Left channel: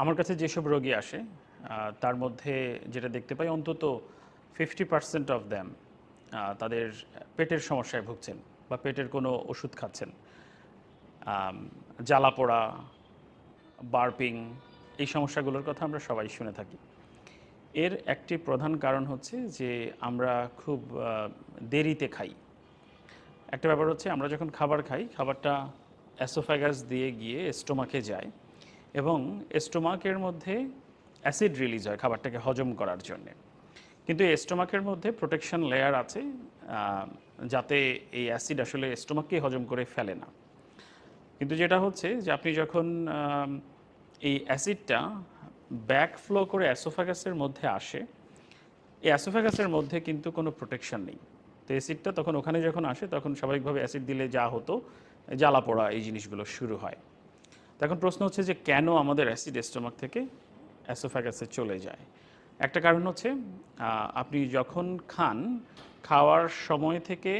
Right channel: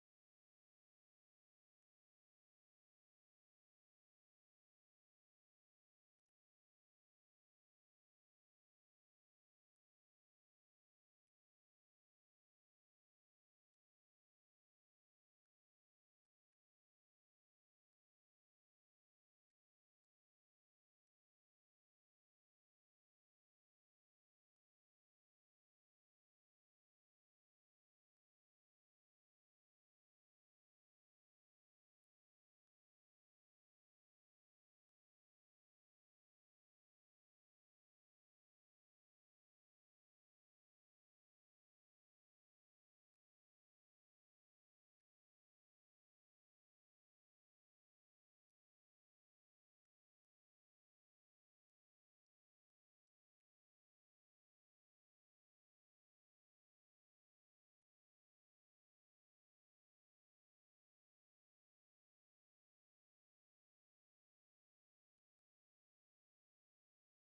আমার কাছে যেসব রোগী আসে তার মধ্যে যেটা দেখতে পাই, অন্তত ফিফটি পার্সেন্ট অফ দ্যাম তাদের পেটের সমস্যায় ভুগছেন বা পেটের কোনো ওষুধ খাচ্ছেন। জ্বালা পোড়া, বার্পিং, এই সমস্যাগুলোর কথা আমরা সবাই শুনে থাকি। এর একটি প্রধান কারণ হচ্ছে যে আমরা খুব দেরিতে খাই। একটা ব্যাপার হচ্ছে আমরা যখন খাবার খাই, খাবারটা অ্যাসোফ্যাগাস দিয়ে গিয়ে স্টোমাকে যায়। এবং স্টোমাকের মধ্যে অ্যাসিড রিলিজ হয় খাবারটাকে হজম করার জন্যে। কিন্তু এই স্টোমাকের মধ্যে প্রোটেকশন লেয়ার আছে যাতে এই অ্যাসিড আসলে স্টোমাককেই হজম করে ফেলে না। কিন্তু যেটা হচ্ছে যে আপনি যখন এই অ্যাসিডটা ব্যাক ফ্লো করে অ্যাসোফাগাসের মধ্যে আসে, এই অ্যাসোফাগাসের মধ্যে কিন্তু কোনো প্রোটেকশন নেই। তো অ্যাসিডটা তখন ওখানে যখন আসে, তখন স্বাভাবিকভাবে অ্যাসিড দিলে যা হতো, জ্বালা পোড়া এই জিনিসগুলো শুরু হয়। তখন প্রশ্ন হচ্ছে যে কেন আমাদের অ্যাসিড স্টোমাক থেকে অ্যাসোফাগাসে চলে যায়? একটা কারণ হচ্ছে আপনি যখন খান, খাওয়ার সময় থেকে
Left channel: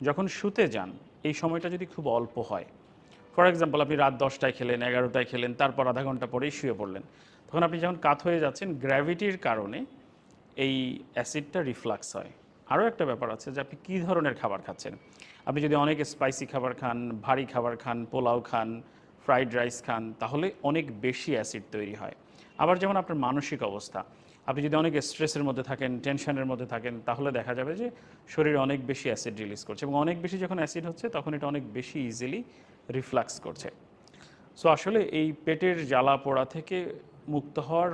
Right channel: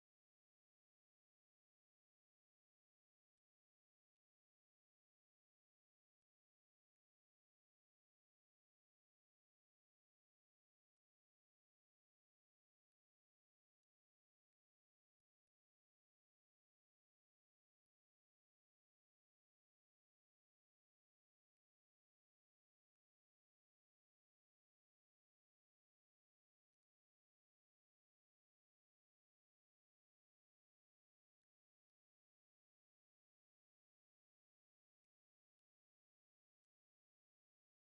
যখন শুতে যান, এই সময়টা যদি খুব অল্প হয়, ফর এক্সাম্পল আপনি রাত দশটায় খেলেন, এগারোটায় খেলেন, তারপর আধা ঘণ্টা পরেই শুয়ে পড়লেন, তখন আপনি যখন কাত হয়ে যাচ্ছেন, গ্র্যাভিটির কারণে এই অ্যাসিডটা রিফ্লাক্স হয়। আরও একটা ব্যাপার আছে যে আপনি কী ধরনের খাবার খাচ্ছেন? আপনি যদি অনেক স্পাইসি খাবার খান, ভারী খাবার খান, পোলাও খান ফ্রাইড রাইস খান, তাহলে অনেক বেশি অ্যাসিড তৈরি হয়। আবার যেমন আপনার মানসিক অবস্থা, আপনি যদি অনেক স্ট্রেসের মধ্যে থাকেন টেনশনের মধ্যে থাকেন, তাহলে দেখা যাবে যে শরীরে অনেক বেশি অ্যাসিড রিলিজ করছে এবং অনেক বেশি যখন অ্যাসিড হচ্ছে, তখন এটা অনেক বেশি ইজিলি রিফ্লাক্স করছে। সো আসলে এই পেটের জ্বালা পোড়া থেকে মুক্ত হওয়ার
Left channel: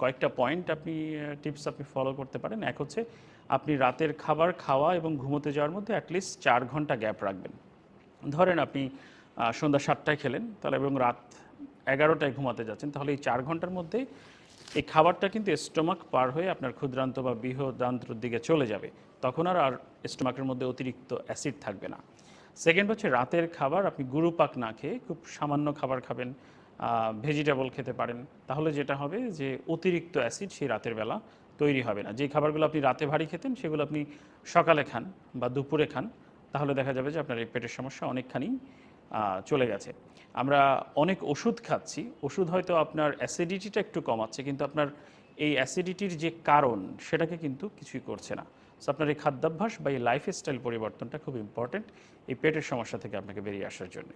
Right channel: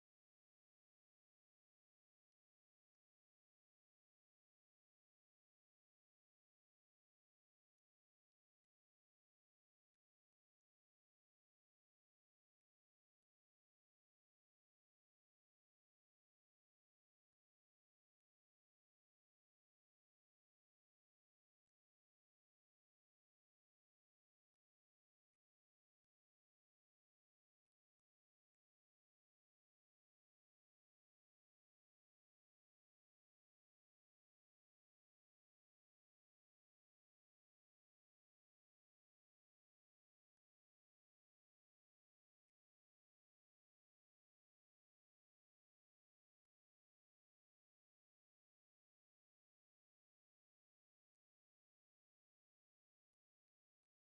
কয়েকটা পয়েন্ট আপনি টিপস আপনি ফলো করতে পারেন। এক হচ্ছে আপনি রাতের খাবার খাওয়া এবং ঘুমোতে যাওয়ার মধ্যে অ্যাটলিস্ট চার ঘণ্টা গ্যাপ রাখবেন। ধরেন আপনি সন্ধ্যা সাতটায় খেলেন, তাহলে এবং রাত এগারোটায় ঘুমাতে যাচ্ছেন, তাহলে এই চার ঘণ্টার মধ্যে এই খাবারটা কিন্তু স্টোমাক পার হয়ে আপনার ক্ষুদ্রান্ত বা বৃহদান্ত্রর দিকে চলে যাবে, তখন আর আর স্টোমাকের মধ্যে অতিরিক্ত অ্যাসিড থাকবে না। সেকেন্ড হচ্ছে রাতের খাবার, আপনি গুরু পাক না খেয়ে খুব সামান্য খাবার খাবেন ভেজিটেবল খেতে পারেন, তাহলে যেটা হবে যে অতিরিক্ত অ্যাসিড সেই রাতের বেলা তৈরি হবে না। যে খাবারগুলো আপনি রাতে ভারী খেতেন, সেগুলো আপনি সকালে খান বা দুপুরে খান, তাহলে দেখা যাবে যে আপনার এই পেটের সমস্যা অনেকখানি চলে গেছে। আমরা অনেক ওষুধ খাচ্ছি, ওষুধ হয়তো আপনার অ্যাসিডিটিটা একটু কমাচ্ছে, কিন্তু আপনার এই অ্যাসিডিটির যে কারণ, সেটাকে কিন্তু কিছুই করছে না। সো আপনার এই খাদ্যাভ্যাস বা এই লাইফস্টাইল পরিবর্তনটা খুব ইম্পর্টেন্ট এই পেটের সমস্যা থেকে আপনাকে বেরিয়ে আসার জন্য।